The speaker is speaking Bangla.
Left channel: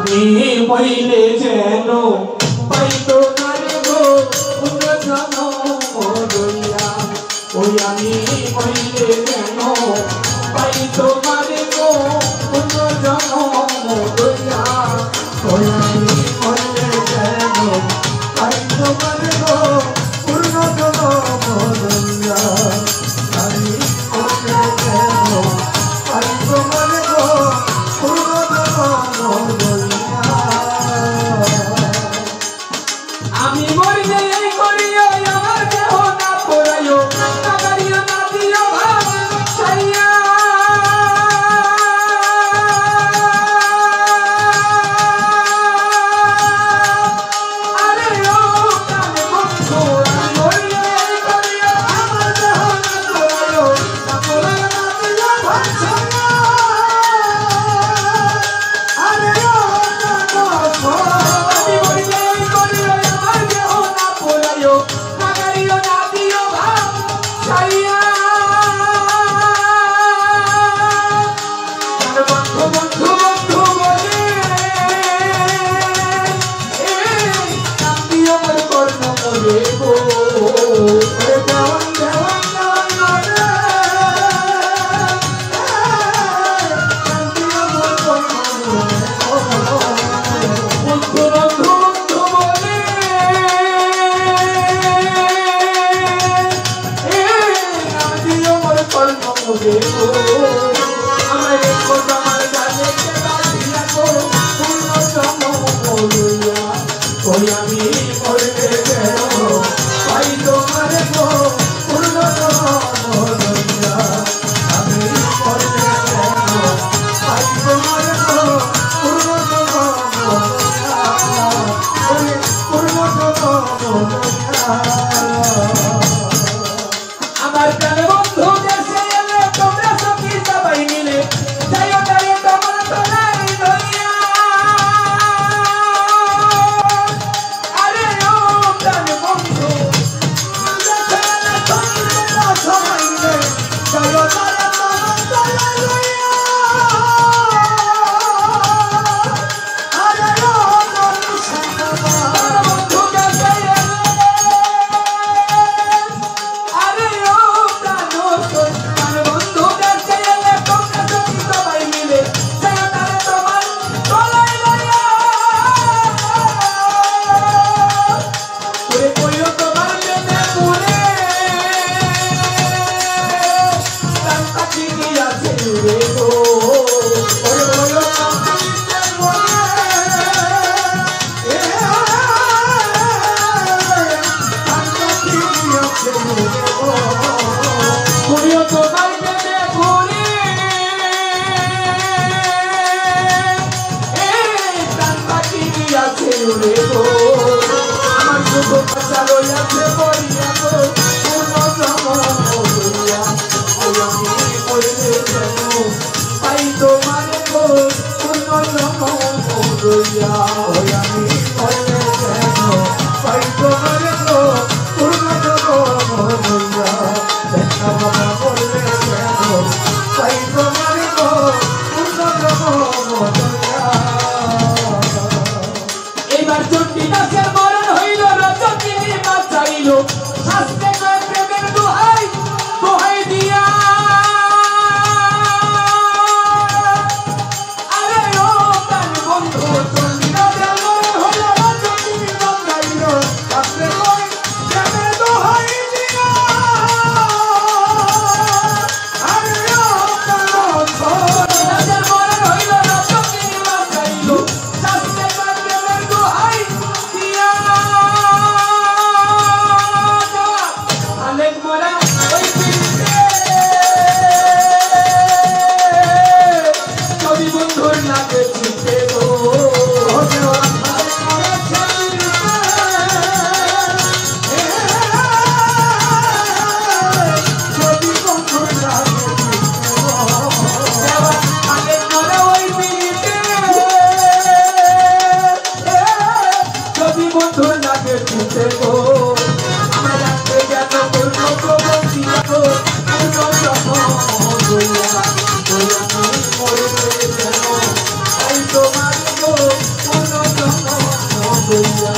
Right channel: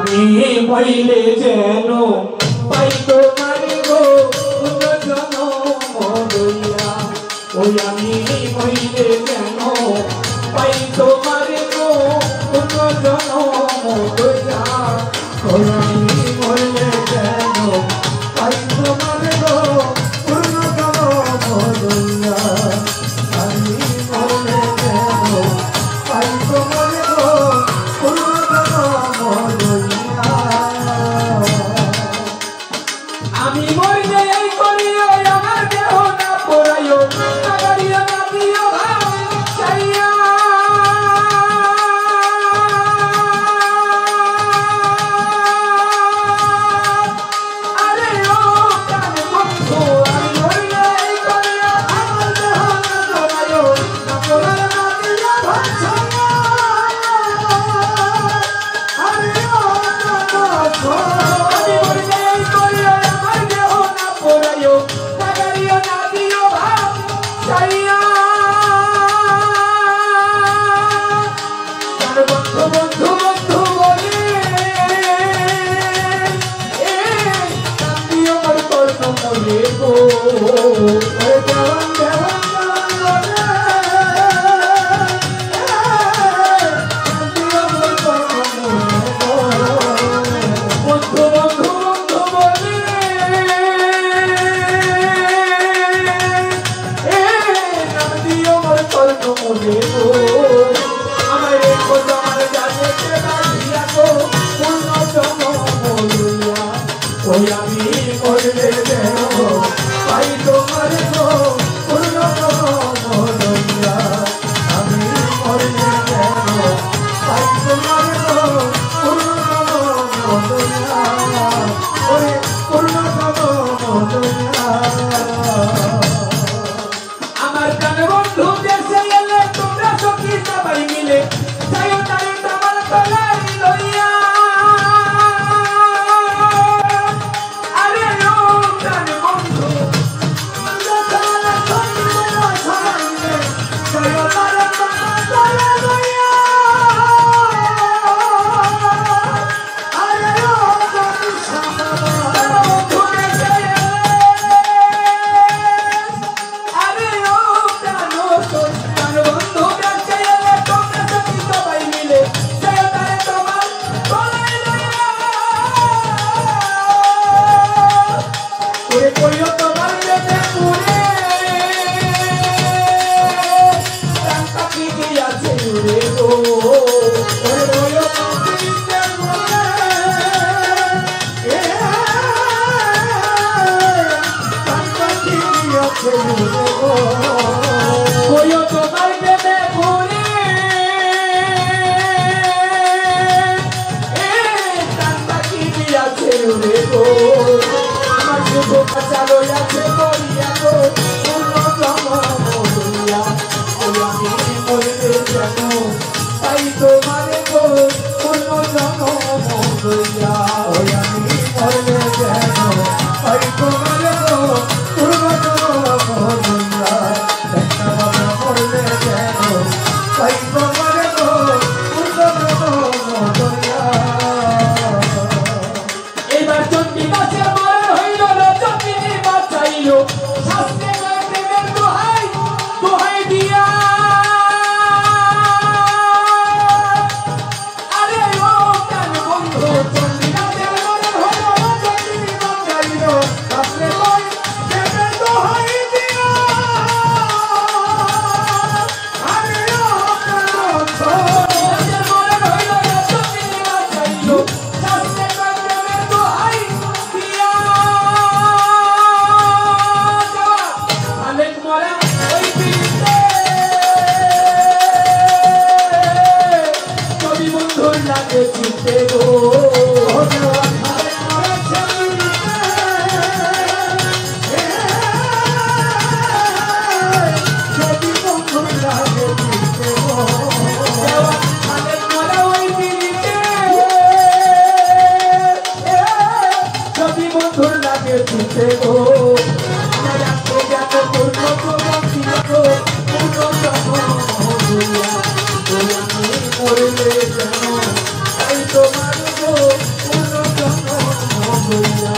আমি মইলে যেন পাই তোমার গো পুনর্জন্ম লইয়া ওই আমি মইলে যেন পাই তোমার গো পুনর্জন্ম লইয়া ওই আমি মইলে যেন পাই তোমার গো পুনর্জন্ম লইয়া আমি মইলে যেন পাই তোমার গো পুনর্জন্ম লইয়া আমি মইলে এই করিও আমার দেহ না পড়াইও আগাইও না দিও ভাব চাইয়া আরে ও প্রাণ বন্ধু আমি মইলে এই করিও আমার দেহ না পড়াইও না পড়াইও না দিও ভাব চাইয়া আরে ও বন্ধু আমি মইলে এই করিও আমার দেহ না পড়াইও আগাইও না দিও ভাব চাইয়া বন্ধু বন্ধু বন্ধু বলে নাম দিও মোর কর্ণ মরে গো ওরে দেওয়ান দেওয়ান দেওয়ান নাম দিও মোর কর্ণ মরে গো বন্ধু বন্ধু বন্ধু বলে নাম দিও মোর কর্ণ মরে গো আমার রেখো তোমার জানে বাঁধিয়া গো পুনর্জন্ম লইয়া ওই আমি মইলে যেন পাই তোমার গো পুনর্জন্ম লইয়া আমি মইলে যেন পাই তোমার গো পুনর্জন্ম লইয়া ওই পুনর্জন্ম লইয়া আমার প্রাণ বন্ধু দেশে এলে তোমরা সখী সবাই মিলে যাইও তারে তোমার তলায় লইয়া আরে ও প্রাণ বন্ধু দেশে এলে তোমরা সবাই মিলে যাইও তারে তোমার তলায় লইয়া আরে ও বন্ধু দেশে এলে আরে ও প্রাণ বন্ধু দেশে এলে তোমরা সখী সবাই মিলে যাইও তারে তোমার তলায় লইয়া ওরে কইও তোমার প্রেমে পুরে প্রাণ পাখি গিয়াছে উড়ে গো ওরে কইও তোমার প্রেমে পুরে প্রাণ পাখি গিয়াছে উড়ে গো কইও তোমার প্রেমে পুরে প্রাণ পাখি গিয়াছে উড়ে গো আমার শুধু কথা লইয়াছে বলিয়া গো পুনর্জন্ম লইয়া ওই আমি মইলে যেন পাই তোমার গো পুনর্জন্ম লইয়া ওই আমি মইলে যেন পাই তোমার গো পুনর্জন্ম লইয়া দেখা বাবা মইলে যেন পাই তোমার গো পুনর্জন্ম লইয়া এইবার চন্ডী মাসের মরণ হইল রজনী বাঁচাইল শাস্ত্রে কয় প্রেমের দোহাই দোহাই দিয়া আরে ও প্রাণ বন্ধু চন্ডী করিয়া